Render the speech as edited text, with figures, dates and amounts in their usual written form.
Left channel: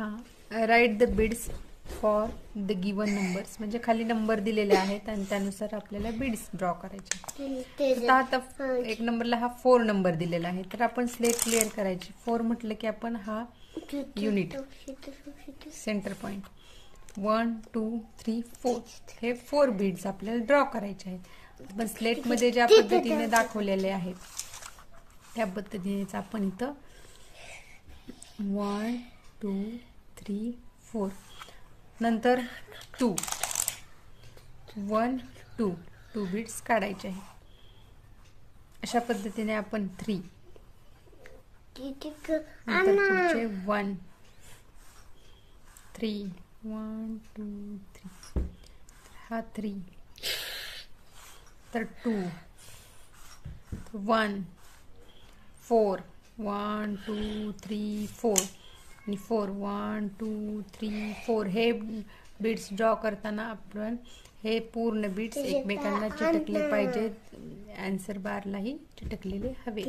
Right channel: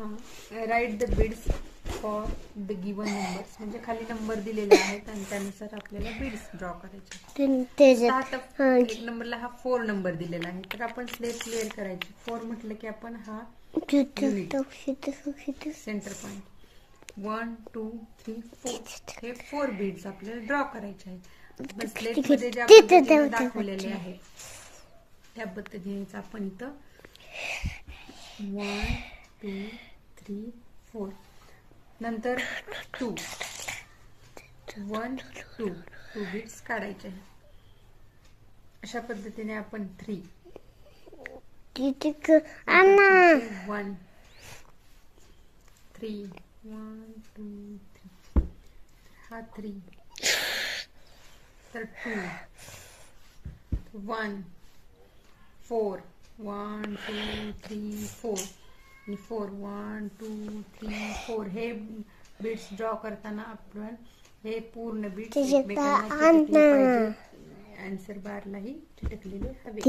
हां, write the beads for the given numbers, म्हणजे खाली नंबर दिलेले आहेत आणि त्यानुसार आपल्याला बीड्स ड्रॉ करायचे. आता एक नंबरला हा 4 नंबर दिलेला आहे, तर आपण स्लेट क्लिअर करायची. 4 म्हटलं की आपण हा युनिट सेंटर पॉइंट 1 2 3 4 हे 4 बीड्स आपल्याला ड्रॉ करायचे आहेत. पण स्लेट मध्ये ज्या पद्धतीने दाखवलेले आहे त्या पद्धतीनेच आपण इथं 1 2 3 4 नंतर 2 1 2 बीट्स काढायचे आहेत. अशा पद्धतीने आपण 3 1 3 1 2 3 हा 3 तर 2 1 4 1 2 3 4 आणि 4 1 2 3 4 हे बीट्स ड्रॉ करताना आपण हे पूर्ण बीट्स एकमेकांना चिटकले पाहिजे. आन्सर बारलाही चिटकलेले हवे.